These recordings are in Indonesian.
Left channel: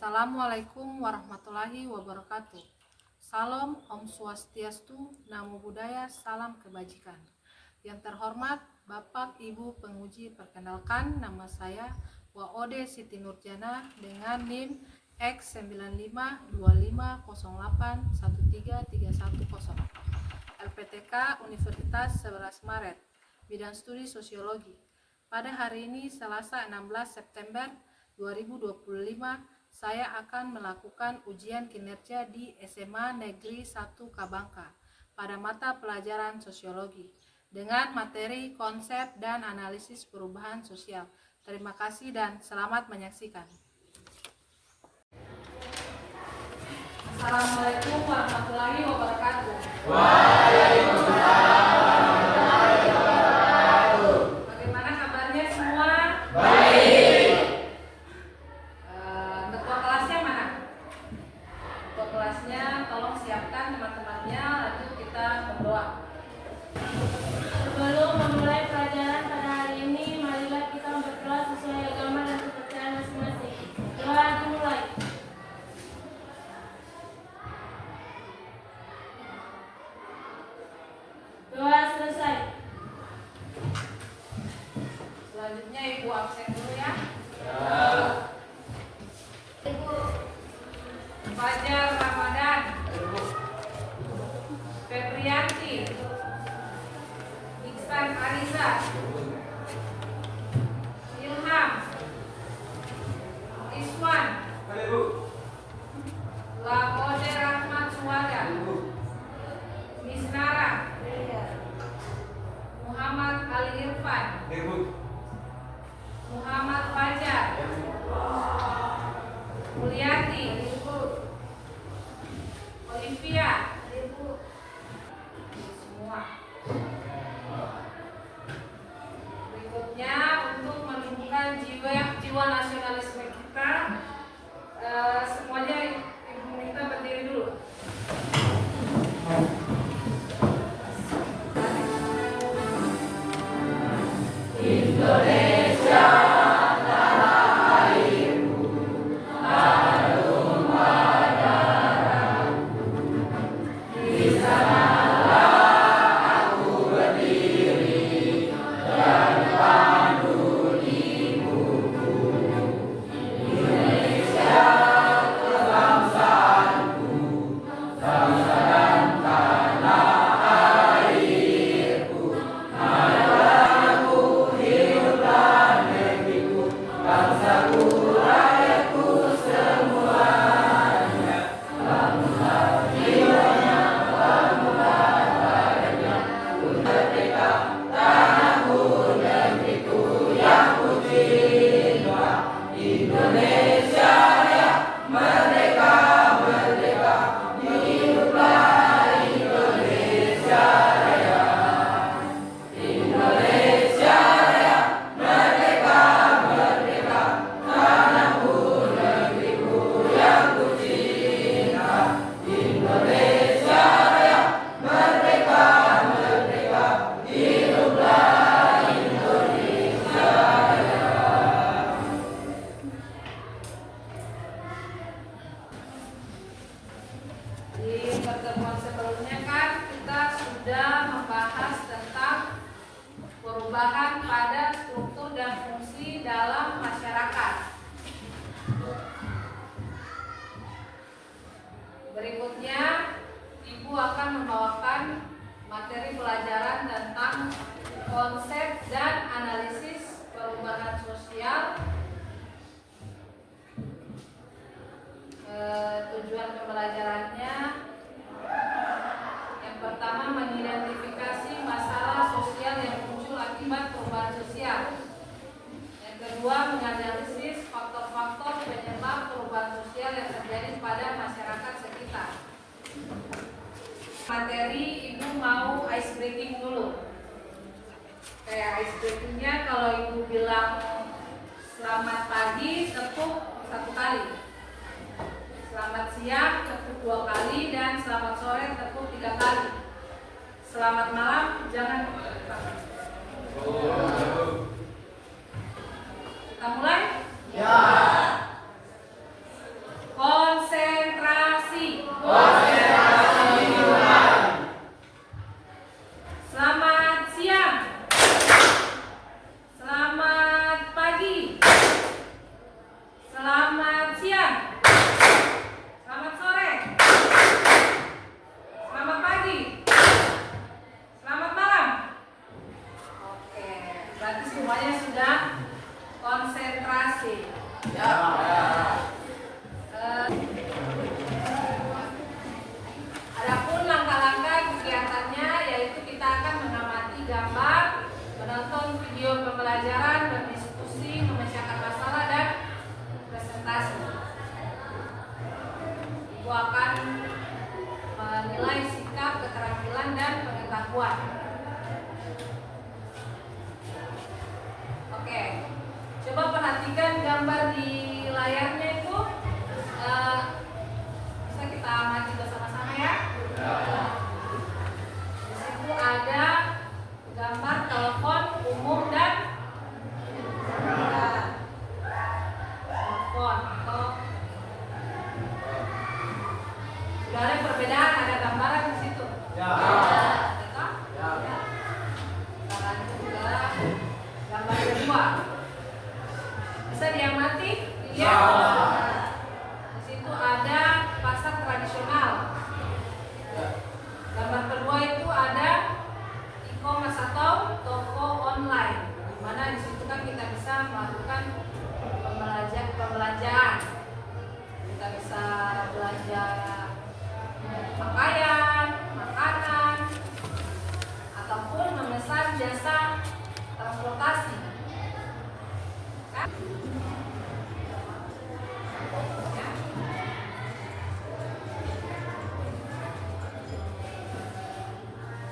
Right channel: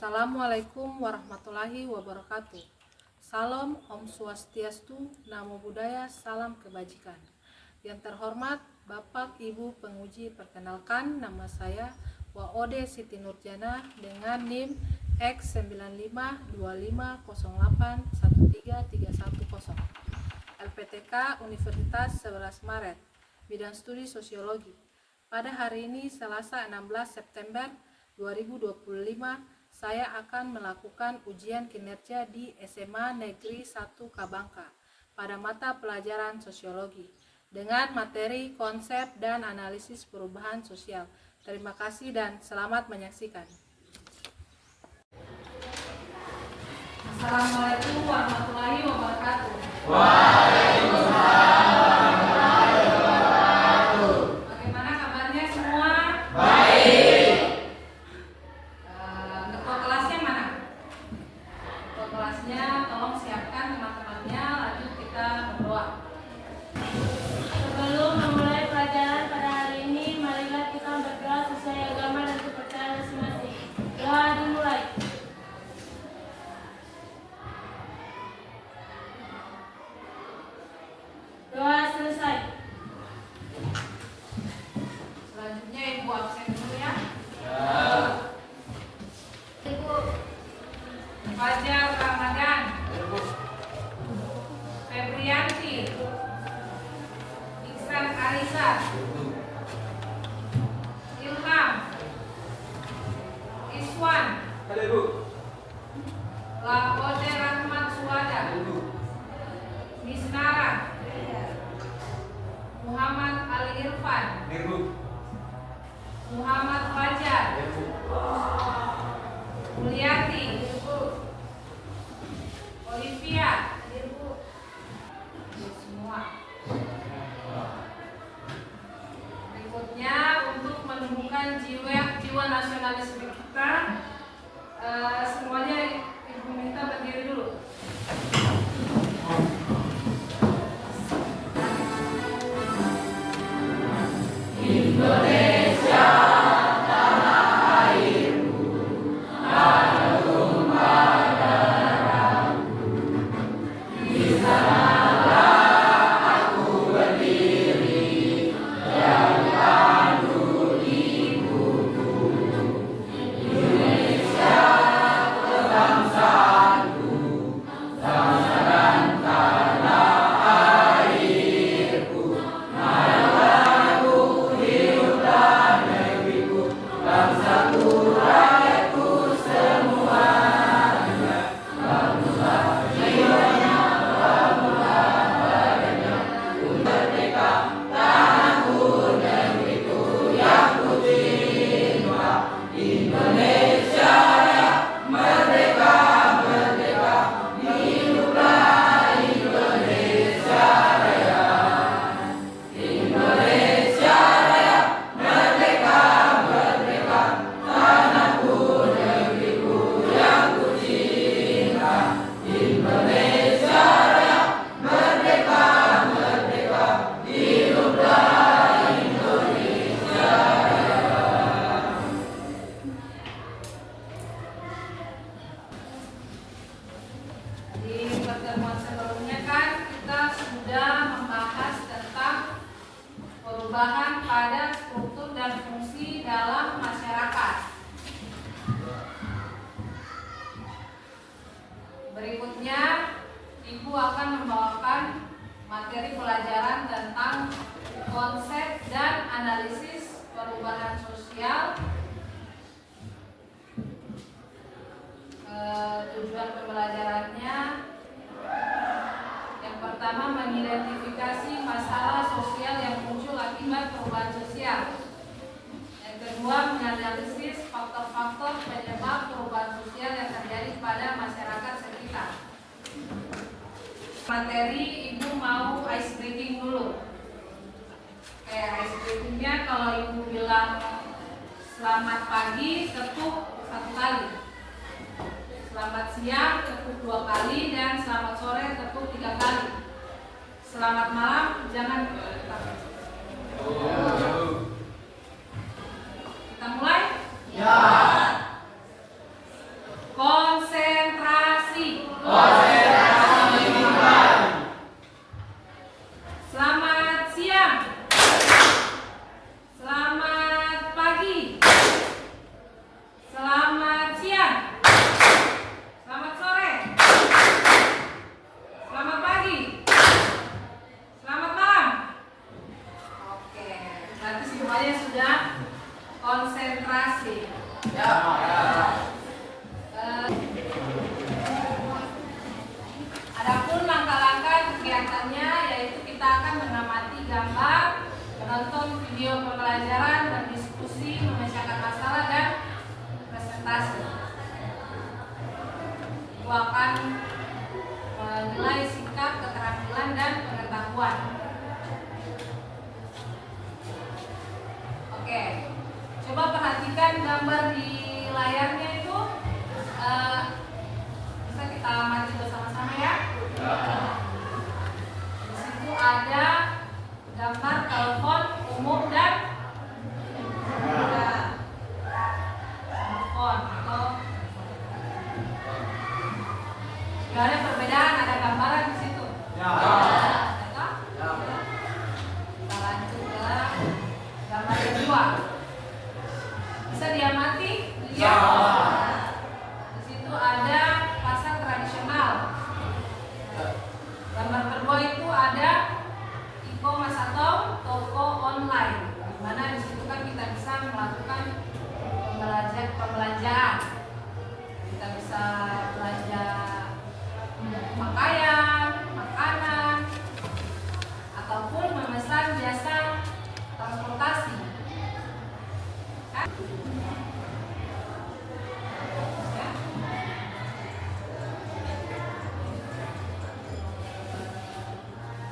Assalamualaikum warahmatullahi wabarakatuh. Salam Om Swastiastu, Namo Buddhaya, salam kebajikan. Yang terhormat Bapak Ibu penguji, perkenalkan nama saya Waode Siti Nurjana dengan NIM X952508133110. LPTK Universitas 11 Maret, bidang studi sosiologi. Pada hari ini Selasa 16 September 2025, saya akan melakukan ujian kinerja di SMA Negeri 1 Kabangka pada mata pelajaran sosiologi dengan materi konsep dan analisis perubahan sosial. Terima kasih dan selamat menyaksikan. Assalamualaikum warahmatullahi wabarakatuh. Waalaikumsalam warahmatullahi wabarakatuh. Bagaimana kabarnya semua? Baik. Ketua kelasnya mana? Ketua kelasnya tolong siapkan teman-temannya, lanjut kita berdoa. Sebelum memulai pelajaran pada hari ini, marilah kita berdoa sesuai agama dan kepercayaan masing-masing. Doa dimulai. Doa selesai. Selanjutnya Ibu absen dulu ya. Ibu Fajar Ramadan, Febrianti, Iksan Anissa, Ilham, Iswan, Laode Rahmat Suwada, Misnara, Muhammad Ali Irfan, Muhammad Fajar, Mulyati, Olivia, semua. Berikutnya untuk menumbuhkan jiwa nasionalisme kita, semuanya Ibu minta berdiri dulu. Indonesia tanah airku, harum darahku. Di sanalah aku berdiri dan pandu ibuku. Indonesia kebangsaanku, bangsa dan tanah airku. Marilah hiduplah negeriku, bangsaku, rakyatku semuanya. Bangunlah jiwanya, bangunlah badannya, untuk merdeka tanahku, negeriku yang ku cinta. Indonesia Raya, merdeka, merdeka, hiduplah Indonesia Raya. Indonesia Raya, merdeka, merdeka, tanahku, negeriku yang ku cinta. Indonesia Raya, merdeka, merdeka, hiduplah Indonesia Raya. Di pertemuan sebelumnya kan kita sudah membahas tentang perubahan pada struktur dan fungsi dalam masyarakat. Berikutnya Ibu akan membawakan materi pelajaran tentang konsep dan analisis perubahan sosial. Tujuan pembelajarannya yang pertama mengidentifikasi masalah sosial yang muncul akibat perubahan sosial. Yang kedua menganalisis faktor-faktor penyebab perubahan sosial yang terjadi pada masyarakat sekitar. Materi Ibu mau ice breaking dulu. Kayak ice breakingnya kalau Ibu bilang selamat pagi tepuk 1 kali. Selamat siang tepuk 2 kali dan selamat sore tepuk 3 kali. Selamat malam jangan lupa. Kita mulai? Ya. video pembelajaran, berdiskusi, memecahkan masalah, dan presentasi. Ibu akan menilai sikap, keterampilan, dan pengetahuan. Oke, coba perhatikan gambar di layarnya itu. Bisa kita amati bersama-sama ya. Di situ ada gambar telepon umum dan telepon. Atau sudah ada perbedaan, ada gambaran di situ. Ya. Lanjut ke gambar kedua. Bisa diamati? Ya. Di situ ada pasar tradisional. Gambar kedua itu ada e-commerce atau toko online, di mana di situ kan kita bisa melakukan pembelanjaan. Kita bisa belanja pakaian, makanan, ataupun memesan jasa transportasi. Kan? Ya.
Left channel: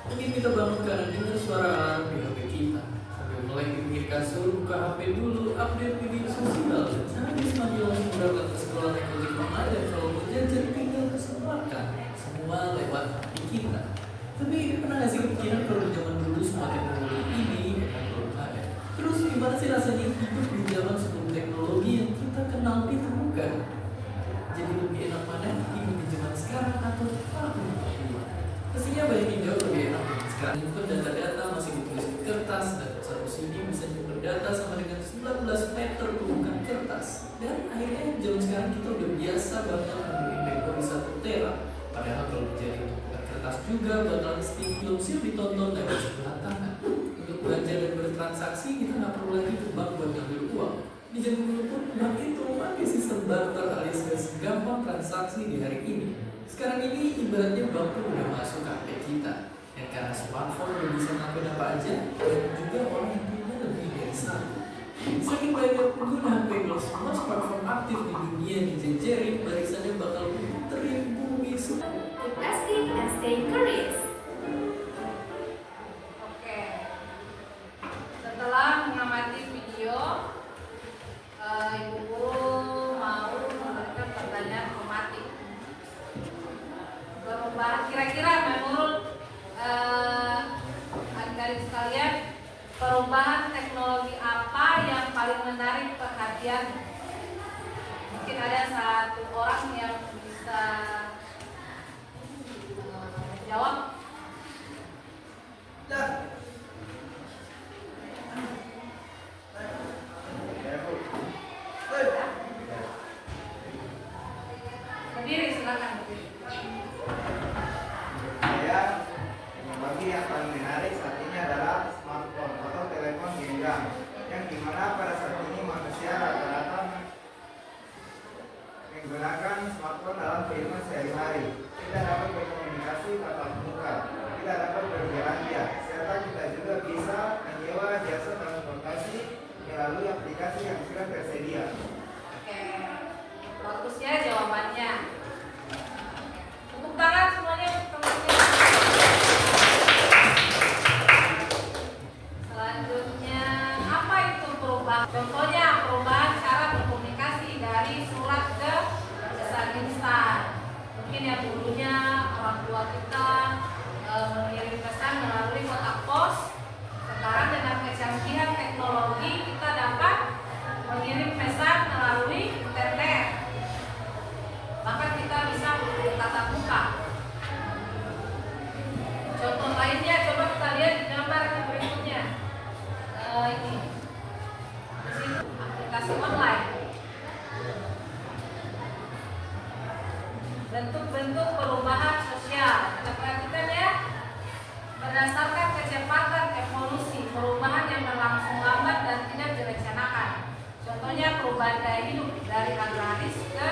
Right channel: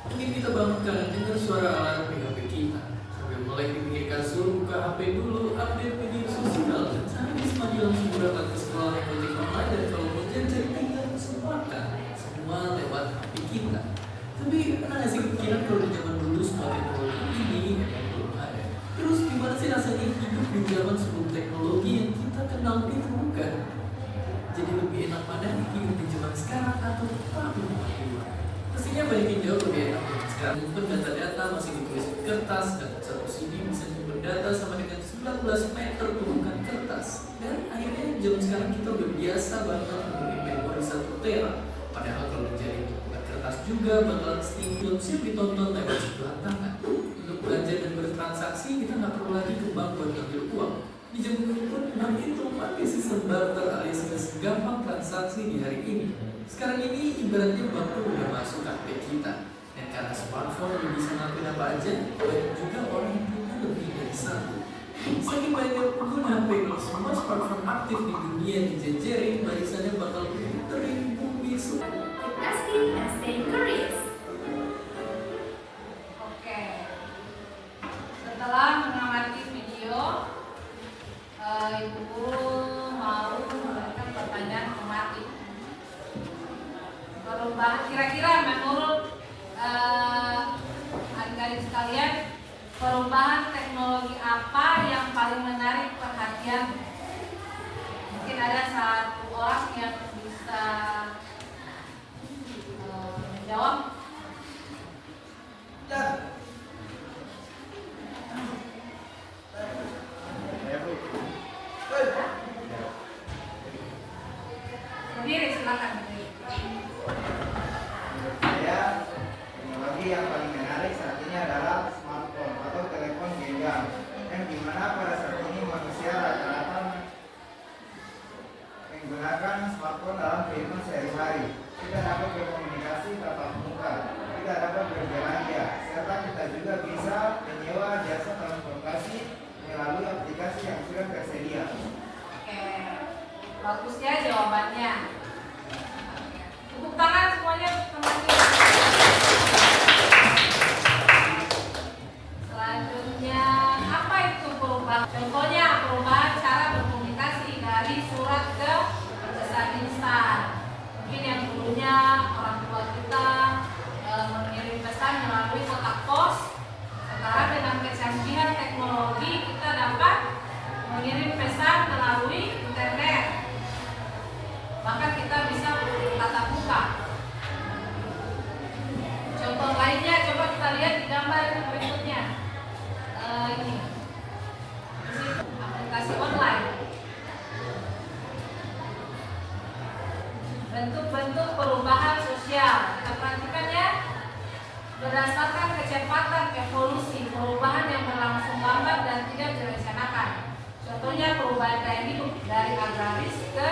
Mungkin kita bangunkan dengar suara alarm di HP kita. Sambil mulai dipikir kasur, buka HP dulu, update media sosial, dan habis mandi langsung berangkat ke sekolah yang ojek online, dan kalau mau jajan tinggal pesan makan. Semua lewat HP kita. Tapi pernah nggak sih kepikiran kalau di zaman dulu semua teknologi ini memang belum ada? Terus gimana sih rasanya hidup di zaman sebelum teknologi yang kita kenal ditemukan? Jadi lebih enak mana hidup di zaman sekarang atau tahun dulu? Pastinya banyak yang jawab lebih enak. Sekarang pun data-data masih ditulis di kertas, dan satu CD bisa nyimpen data sama dengan 19 meter tumpukan kertas. Dan akhirnya zaman sekarang kita udah biasa banget membeli memori 1 tera. Padahal kalau dijadiin tumpukan kertas juga bakalan film siap ditonton lewat sebelah tangan. Untuk belanja dan bertransaksi kita nggak perlu lagi ke bank buat ngambil uang. Di zaman dulu pun bank itu pakai sistem barter alias segampang transaksi di hari ini. Sekarang ini ibaratnya bank tuh udah masuk ke HP kita. Dan karena smartphone udah bisa ngelakuin apa aja, banyak juga orang yang punya lebih dari satu. Saking banyak pengguna HP, semua smartphone aktif di dunia dijejerin, barisannya bakal puterin bumi semua. Keep asking and stay curious. Oke. Setelah mengamati video, Ibu Guru mau memberikan pertanyaan pematik. Perubahan kira-kira menurut adik-adik sekalian, perubahan teknologi apa yang paling menarik perhatian? Mungkin ada satu orang yang bisa menjawab. Berdiri, silakan berdiri. Saya, teknologi yang paling menarik saat ini adalah smartphone atau telepon genggam, yang dimana pada saat ini manusia rata-rata menggunakan smartphone dalam kehidupan sehari-hari. Kita dapat berkomunikasi tatap muka, kita dapat berbelanja, serta kita juga bisa menyewa jasa transportasi melalui aplikasi yang sudah tersedia. Oke, bagus ya jawabannya. Tepuk tangan semuanya. Selanjutnya, apa itu perubahan? Contohnya perubahan cara berkomunikasi dari surat ke pesan instan. Mungkin yang dulunya orang tua kita mengirim pesan melalui kotak pos. Sekarang dengan kecanggihan teknologi kita dapat mengirim pesan melalui internet. Bahkan kita bisa bertatap muka. Contoh lainnya coba kita lihat di gambar berikutnya. Ini aplikasi online. Bentuk-bentuk perubahan sosial. Kita perhatikan ya. Berdasarkan kecepatan evolusi, perubahan yang berlangsung lambat dan tidak direncanakan. Contohnya perubahan gaya hidup dari agraris ke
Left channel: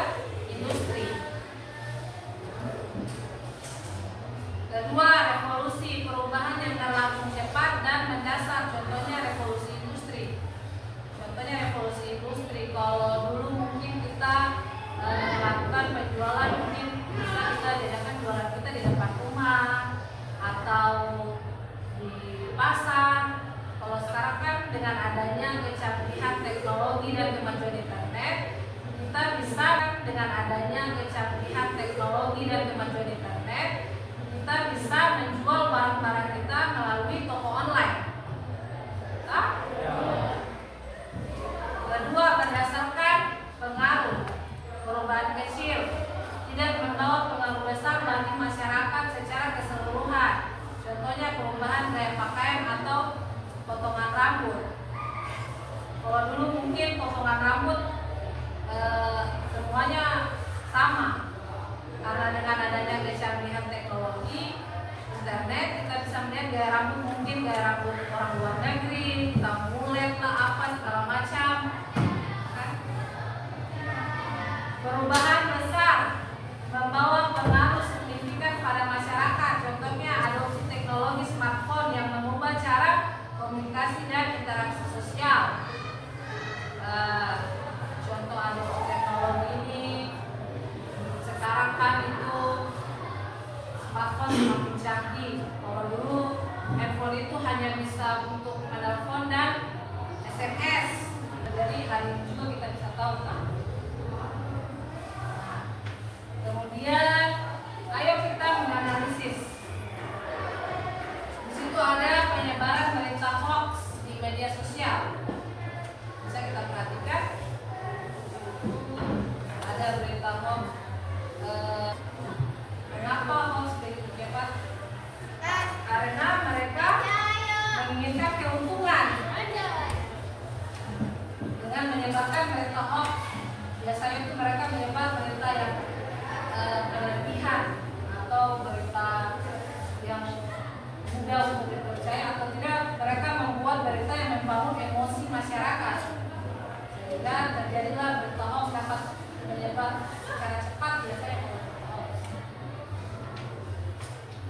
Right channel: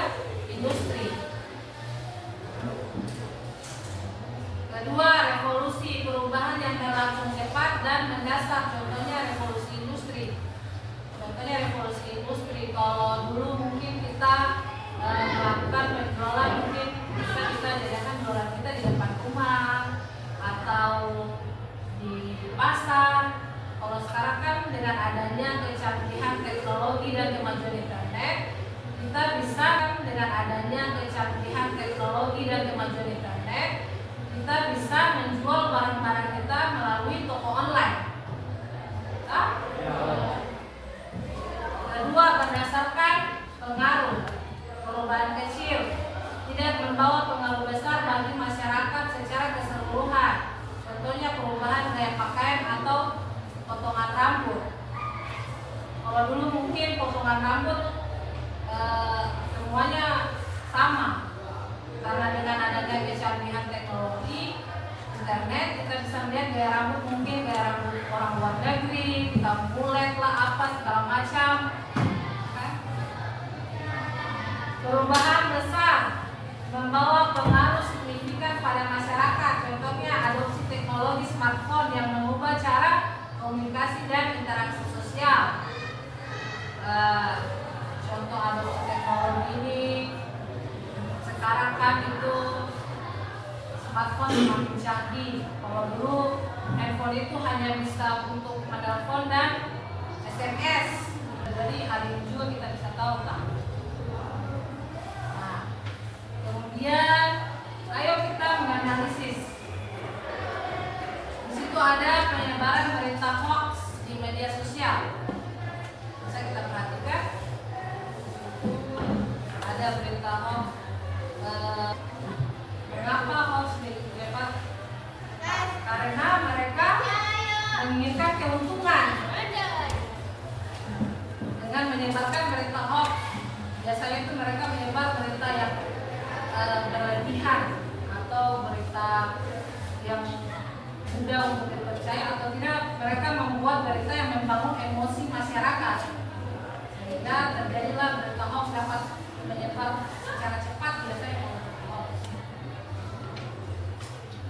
industri. Kedua, revolusi, perubahan yang berlangsung cepat dan mendasar. Contohnya revolusi industri dengan adanya kecanggihan teknologi dan kemajuan internet, kita bisa menjual barang-barang kita melalui toko online. Kedua, berdasarkan pengaruh, perubahan kecil tidak membawa pengaruh besar bagi masyarakat secara keseluruhan. Contohnya perubahan gaya pakaian atau potongan rambut. Kalau dulu mungkin potongan rambut semuanya sama, karena dengan adanya kecanggihan teknologi internet, kita bisa melihat gaya rambut, mungkin gaya rambut orang luar negeri, kita mulet lah apa segala macam. Perubahan besar membawa pengaruh signifikan pada masyarakat. Contohnya adopsi teknologi smartphone yang mengubah cara komunikasi dan interaksi sosial. Contoh adopsi teknologi ini sekarang kan itu smartphone semakin canggih. Kalau dulu handphone itu hanya bisa untuk menelpon dan SMS. Jadi hari ini juga kita bisa tahu kan. Nah, kemudian ayo kita menganalisis. Di situ ada penyebaran berita hoax di media sosial. Bisa kita perhatikan. Ada berita hoax. Mengapa hoax dapat? Karena mereka menginginkan keuntungan dengan menyebarkan berita hoax. Biasanya itu mereka menyebar berita yang berlebihan atau berita yang mudah untuk dipercaya, atau tidak mereka membuat berita yang membangun emosi masyarakat, sehingga terjadilah berita hoax dapat menyebar secara cepat. Biasanya hoax.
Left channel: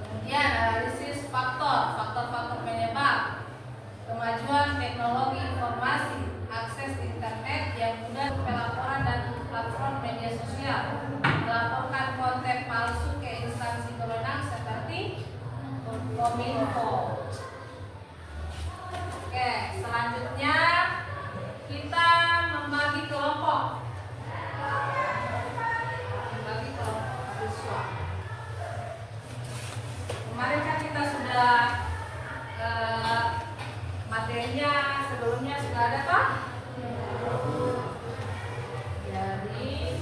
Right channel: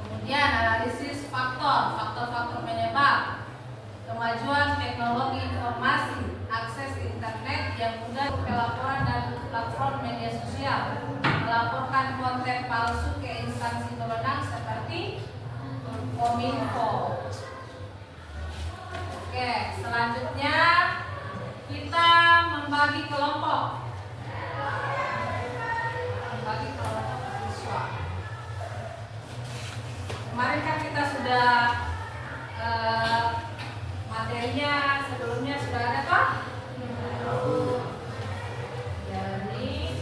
Kemudian analisis faktor penyebab. Kemajuan teknologi informasi, akses internet yang mudah, pelaporan dan platform media sosial, melaporkan konten palsu ke instansi berwenang seperti Kominfo. Oke, selanjutnya kita membagi kelompok. Membagi kelompok siswa. Kemarin kan kita sudah materinya sebelumnya sudah ada Pak? Jadi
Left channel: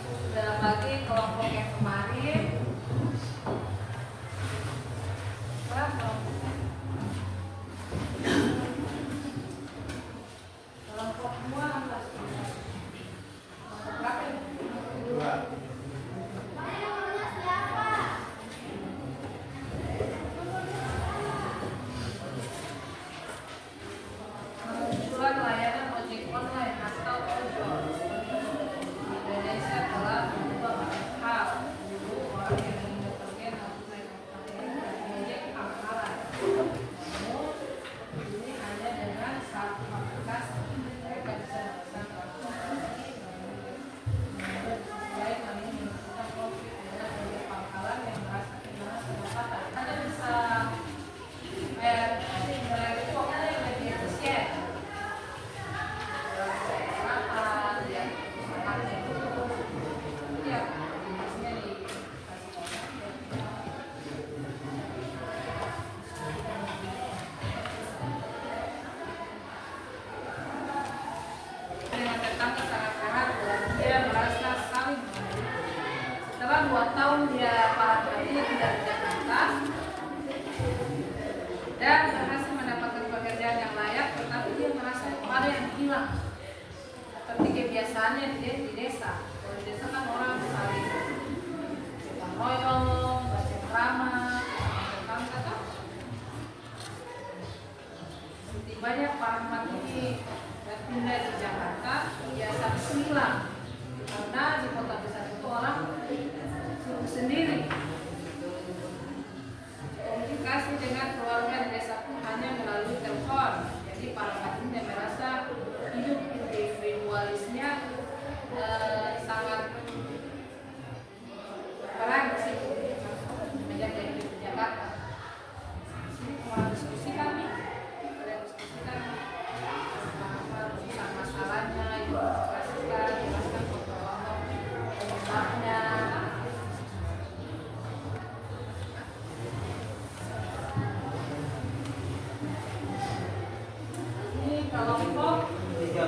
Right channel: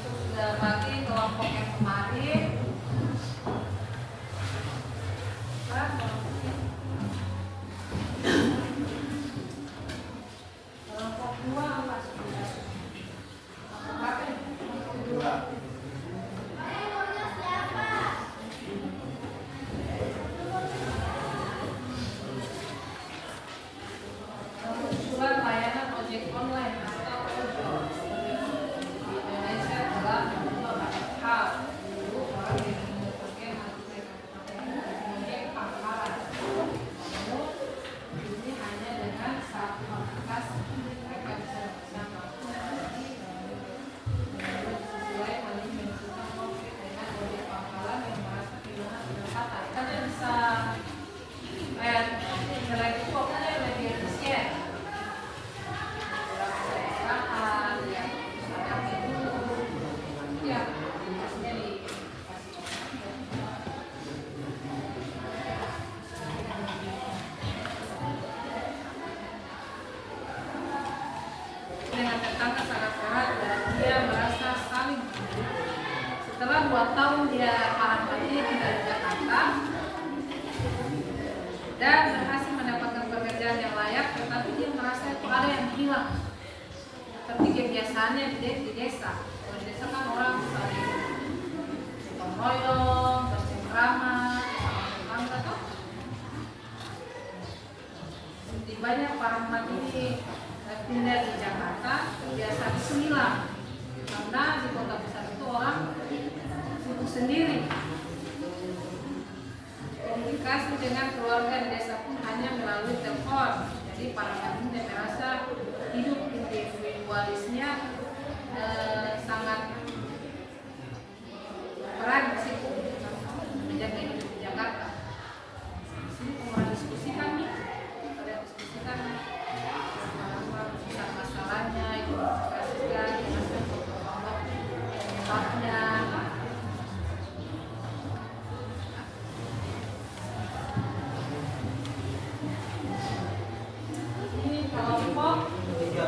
sudah bagi kelompok yang kemarin. Kelompok 2 apa sudah? Usulan layanan ojek online atau ojol di Indonesia telah mengubah banyak hal. Dulu orang yang ingin bekerja harus ojek pangkalan. Namun ini hanya dengan satu aplikasi mereka bisa memesan selain hal ini menentukan konflik dengan ojek pangkalan yang merasa kehilangan pendapatan. Hanya bisa nilai itu pokoknya lebih efisien. Dengan tetangga sangat sehat dan dia merasa saling menghargai. Setelah 2 tahun dia para pekerja tinggal di Jakarta dan berhasil mendapatkan pekerjaan yang layak, tetapi dia merasa itu ada yang hilang seperti kebiasaannya di desa. Di desa kan orang saling gotong royong, bercengkrama, tetangga tuh. Setibanya para umat ini pindah di Jakarta, kebiasaan itu hilang karena di kota besar itu orang sibuk sendiri. Komunikasi dengan keluarga di desa pun hanya melalui telepon. Jadi para umat ini merasa hidup individualisnya Ini kelompok 3.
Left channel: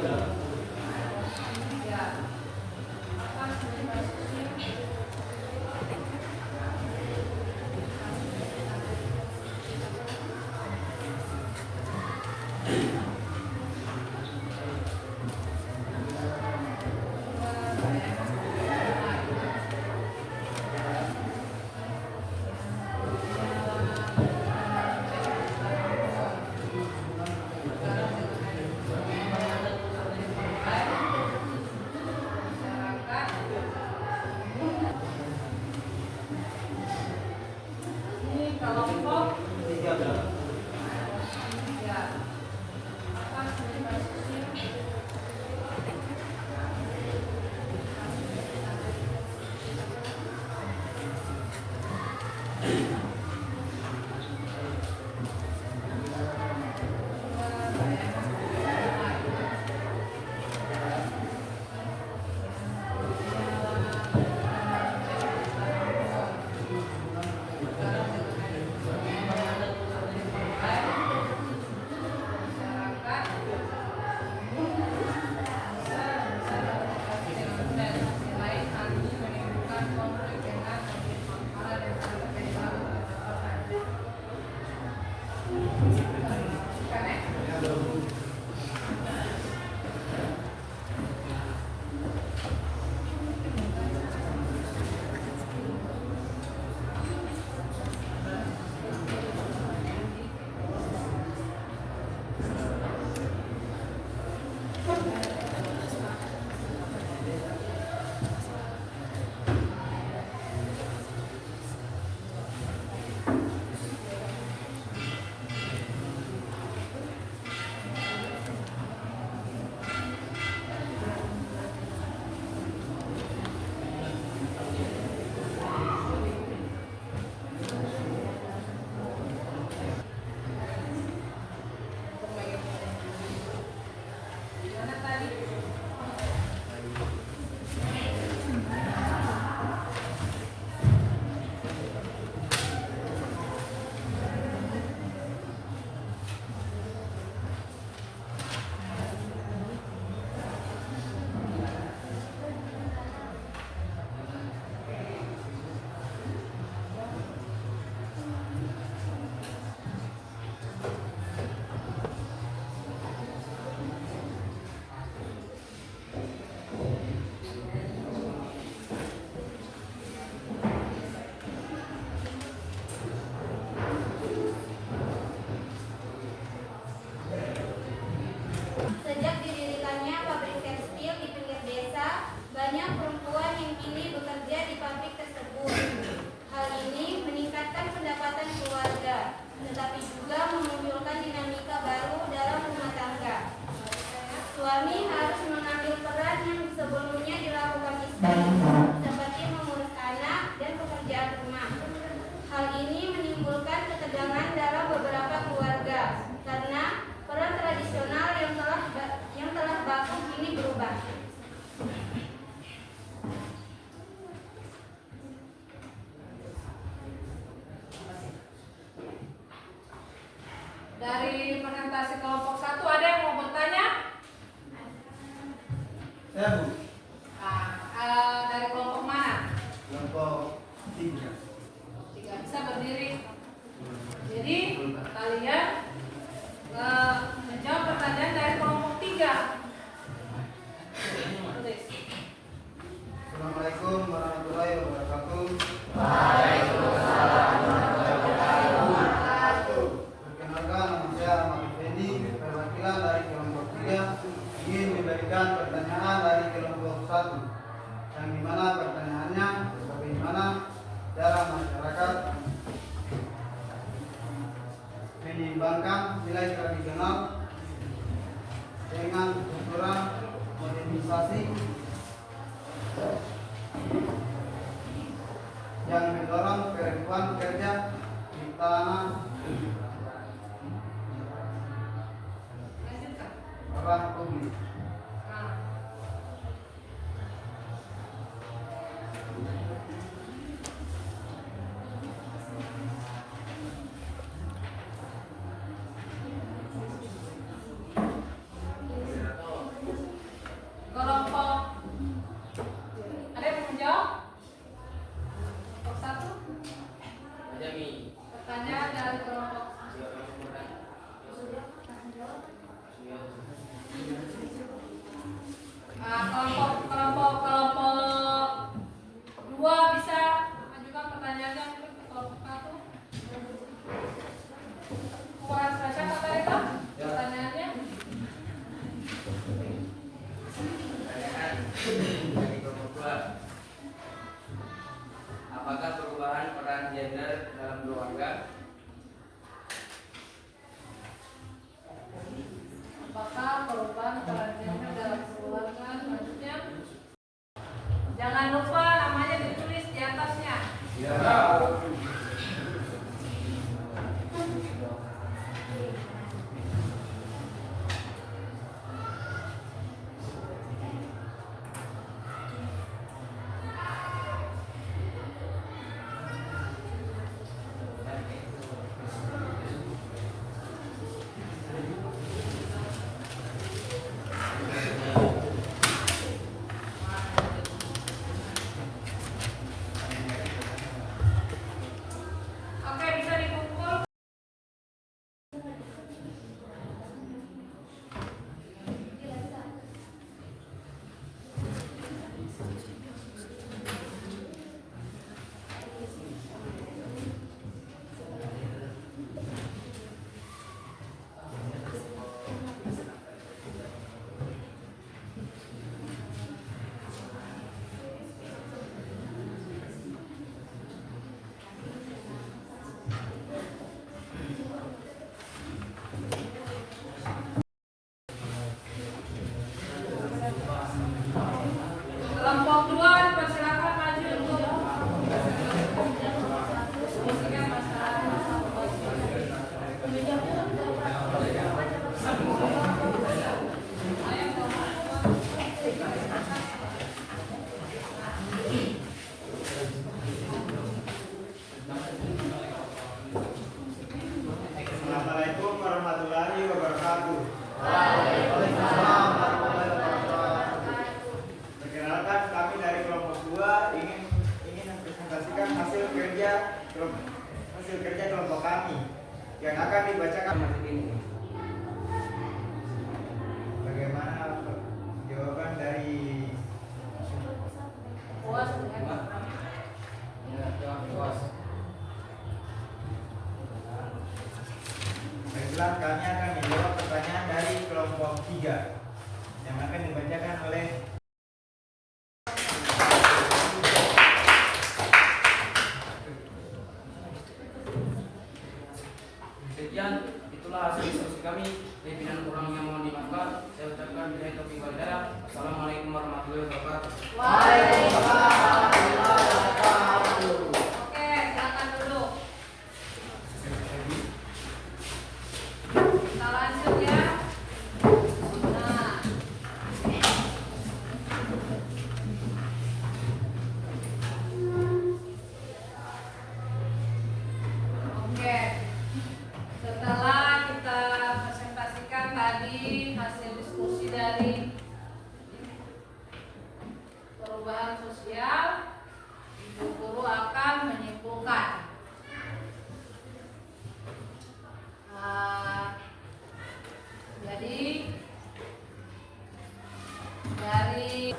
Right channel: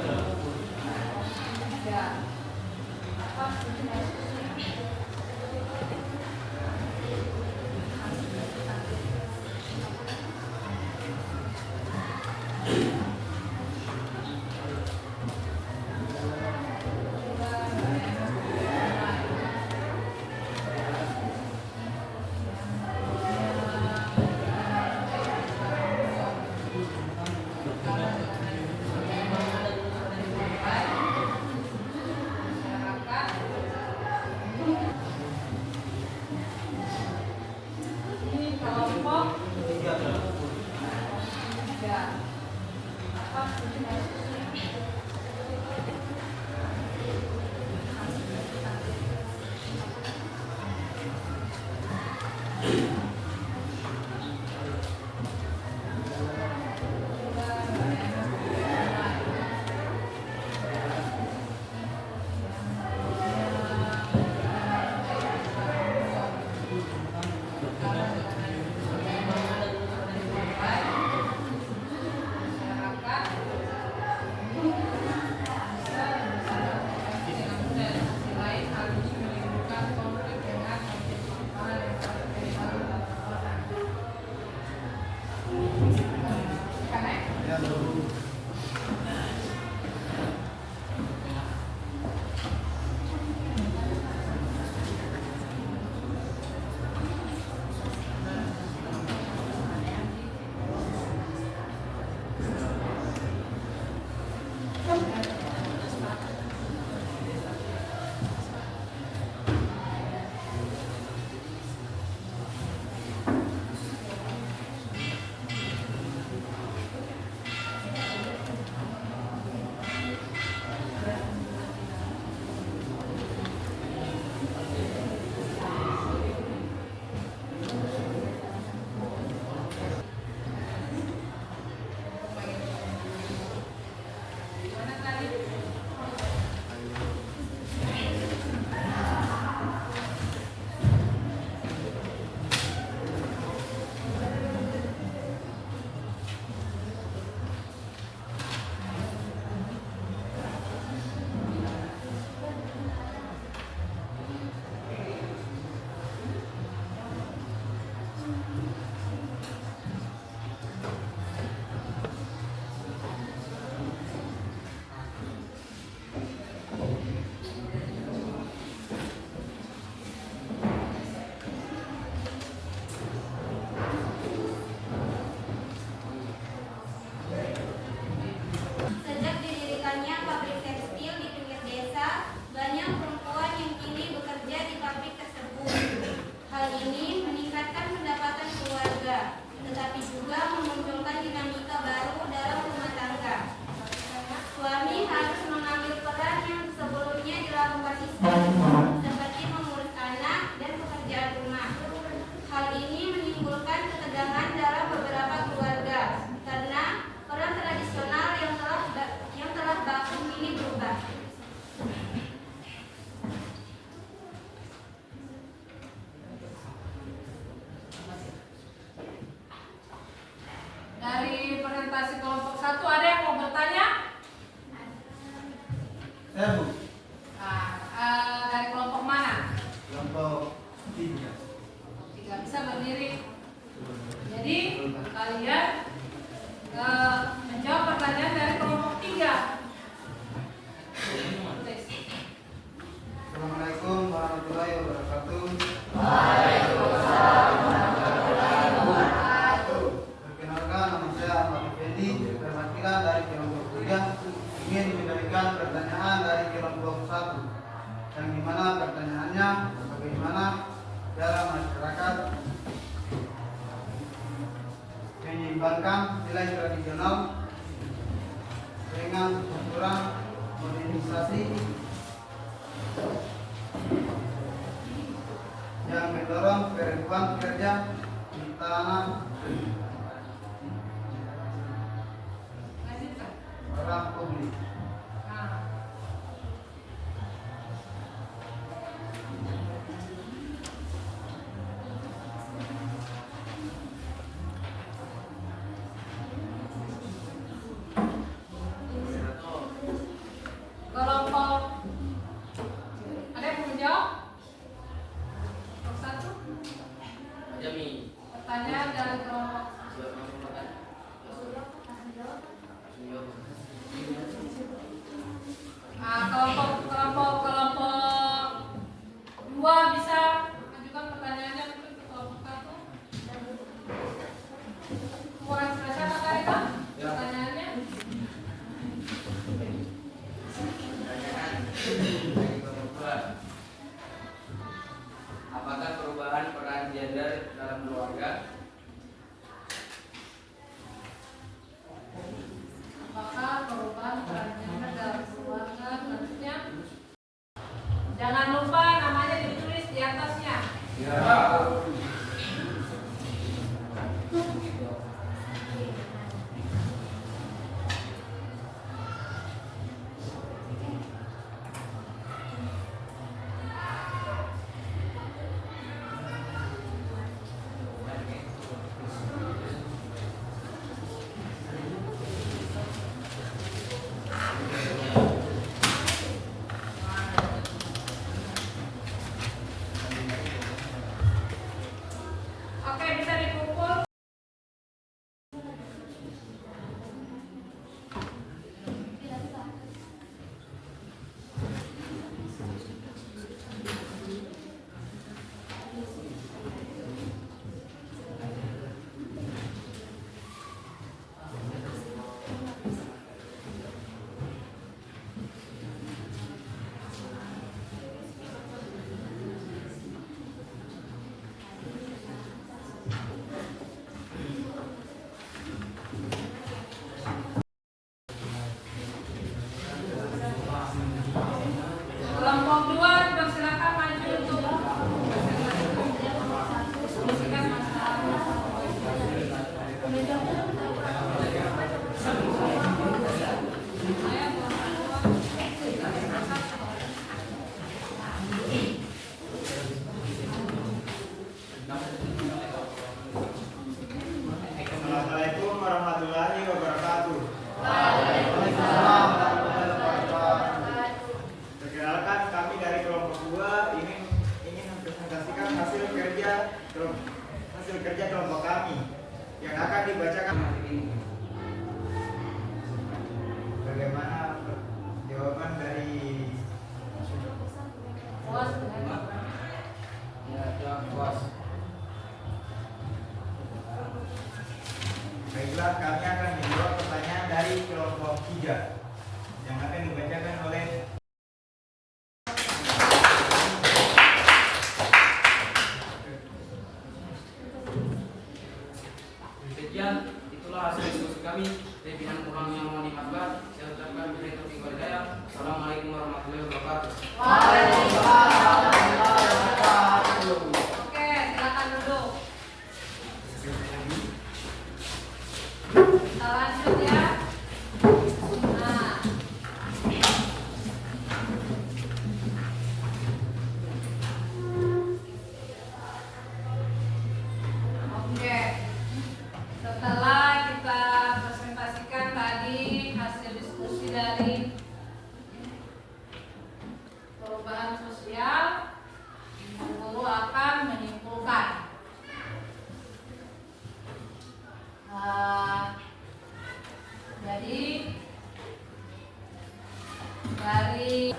Ini kelompok 3. Sejak didirikannya pabrik tekstil di pinggir desa, banyak perempuan yang kini bekerja di pabrik tersebut. Hal ini meningkatkan pendapatan keluarga, tetapi juga memunculkan dinamika baru dalam rumah tangga. Suami harus mengambil peran yang sebelumnya dilakukan istri, seperti mengurus anak dan pekerjaan rumah. Hal ini menimbulkan ketegangan dalam beberapa keluarga, karena peran tradisional yang telah baku kini berubah. Dari presentasi kelompok 1 ada yang mau bertanya? Saya Bu, Nah, dari kelompok mana? kelompok 3. 3 bisa berdiri. Jadi kalian menjawab pertanyaan dari kelompok 3. Tulis. Assalamualaikum warahmatullahi wabarakatuh. Perkenalkan, nama saya Ahmad Effendi, perwakilan dari kelompok 3, ingin memberikan pertanyaan dari kelompok 1, yang dimana pertanyaannya bagaimana cara masyarakat menyeimbangkan nilai tradisional dengan kultural modernisasi yang mendorong perempuan kerja di tanah Lanjutkan. orang publik. Nah, Jangan lupa namanya ditulis di atasnya. Oke, bisa dikumpul. Kelompok 2 dipersilakan maju untuk diskusikan masalah. Assalamualaikum warahmatullahi wabarakatuh. Perkenalkan, kami dari kelompok 2 ingin mempresentasikan hasil kerja kelompok kami yang akan dibacakan nanti ini. Bagaimana jawaban dari Puas dengan Baiklah, kami akan menjawab pertanyaan dari kelompok 3 yang akan dibacakan oleh Sekian, itulah hasil diskusi kami. Pimpinan kurangnya mohon dimaafkan. Saya ucapkan billahi taufiq wal hidayah. Assalamualaikum warahmatullahi wabarakatuh. Oke, silakan duduk. Kita lanjut ya. Nah, oke. Setelah kita presentasikan tadi hasil diskusi dari perubahan sosial, Ibu Guru akan menyimpulkan. Jadi dari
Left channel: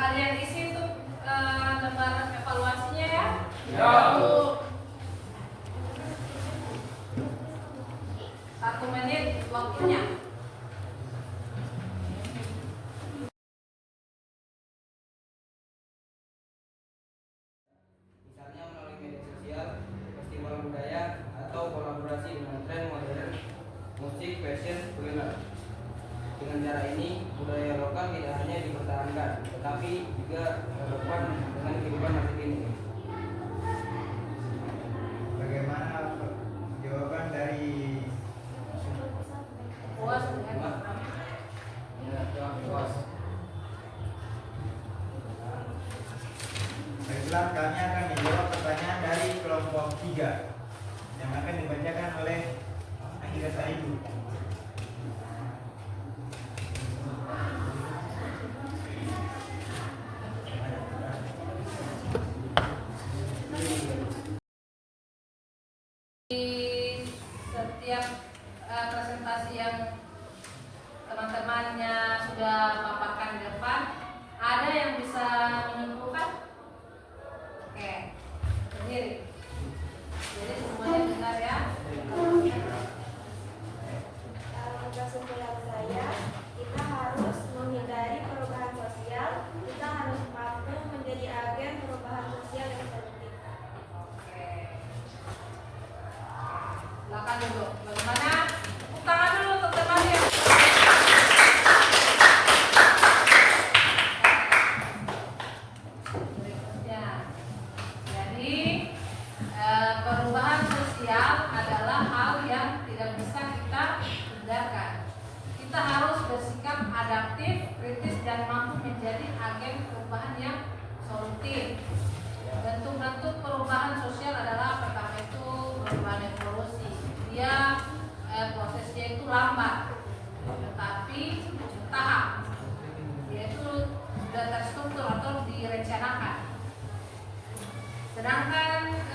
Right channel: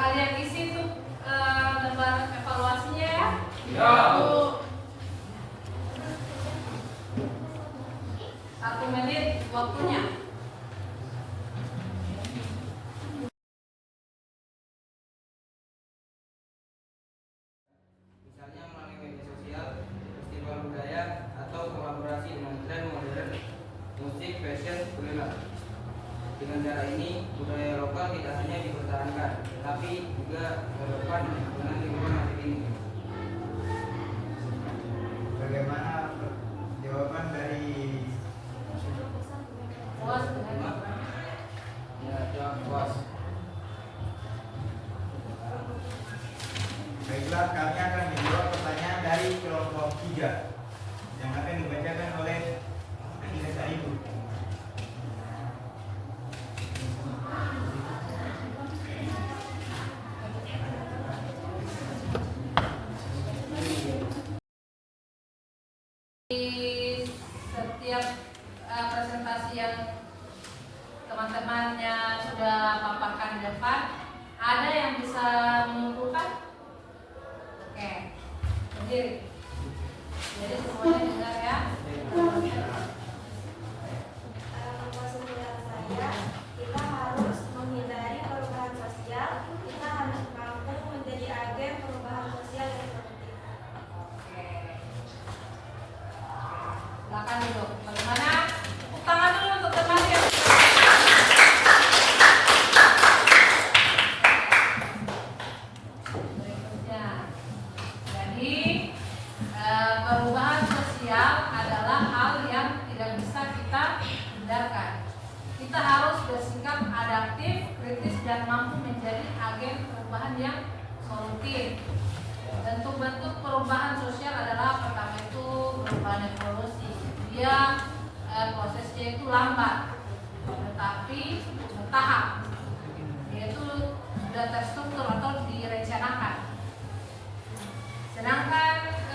kalian isi tuh lembar evaluasinya ya. Satu menit waktunya. Misalnya melalui media sosial, festival budaya, atau kolaborasi dengan tren modern, musik, fashion, kuliner. Dengan cara ini, budaya lokal tidak hanya dipertahankan, tetapi juga relevan dengan kehidupan masa kini. bagaimana jawaban dari Puas dengan Puas. Baiklah, kami akan menjawab pertanyaan dari kelompok 3 yang akan dibacakan oleh Andika Saidu. di setiap presentasi yang teman-temannya sudah paparkan di depan, ada yang bisa menyimpulkan? Oke, berdiri. Jadi semuanya dengar ya. Kesimpulan saya, kita harus menghindari perubahan sosial. Kita harus mampu menjadi agen perubahan sosial yang produktif. Oke. Silakan duduk. Bagaimana? Tepuk tangan dulu untuk teman yang berikutnya. Jadi perubahan sosial adalah hal yang tidak bisa kita hindarkan. Kita harus bersikap adaptif, kritis, dan mampu menjadi agen perubahan yang solutif. Bentuk-bentuk perubahan sosial adalah pertama itu perubahan evolusi. Dia prosesnya itu lambat, tetapi bertahap. Yaitu sudah terstruktur atau direncanakan. Sedangkan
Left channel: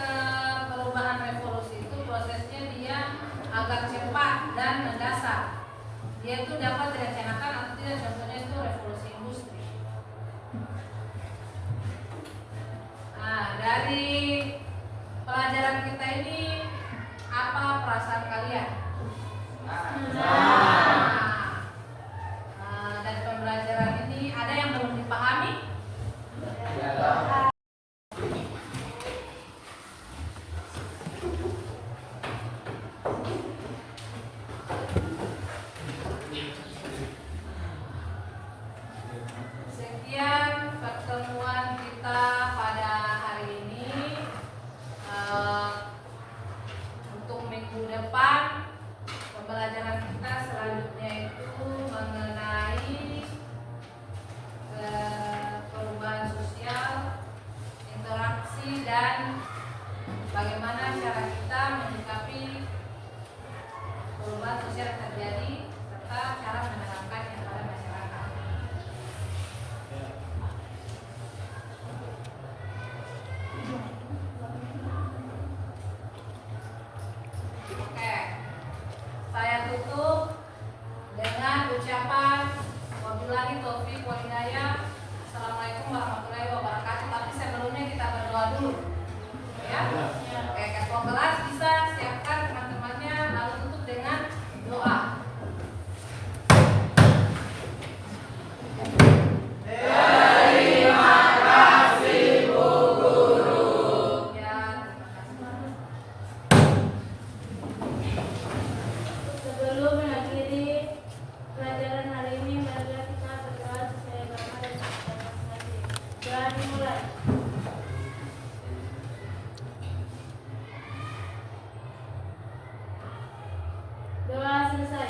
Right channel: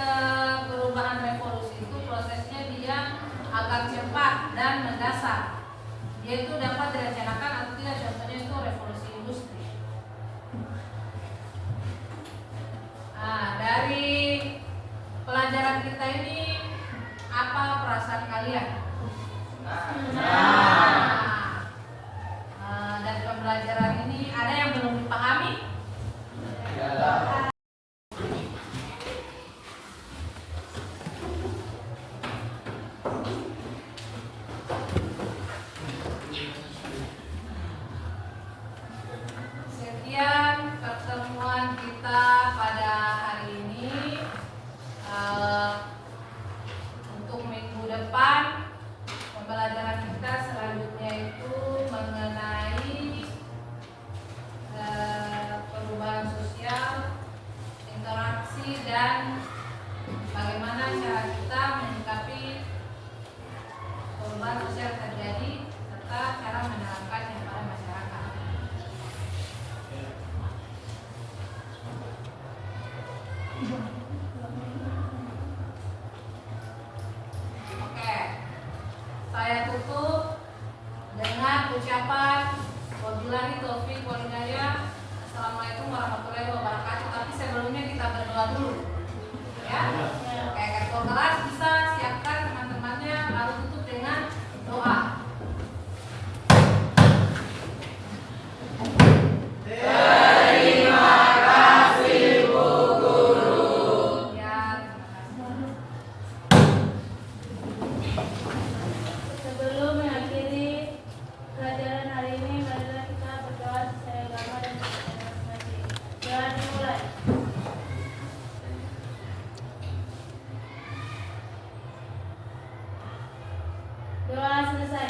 perubahan revolusi itu prosesnya dia agak cepat dan mendasar. Dia itu dapat direncanakan atau tidak, contohnya itu revolusi industri. Nah, dari pelajaran kita ini apa perasaan kalian? Dari pembelajaran ini ada yang belum dipahami? Sekian pertemuan kita pada hari ini. Untuk minggu depan pembelajaran kita selanjutnya itu mengenai perubahan sosial, interaksi, dan bagaimana cara kita menyikapi perubahan sosial yang terjadi serta cara menerapkannya pada masyarakat. Oke, saya tutup dengan ucapan wabillahi taufiq wal hidayah. Assalamualaikum warahmatullahi wabarakatuh. Tapi sebelumnya kita berdoa dulu, ya. Oke, ketua kelas bisa siapkan teman-temannya lalu tutup dengan doa. Terima kasih Bu Guru. Ya, terima kasih. Sebelum mengakhiri pelajaran hari ini, marilah kita berdoa sesuai agama dan kepercayaan masing-masing. Doa dimulai. Doa selesai.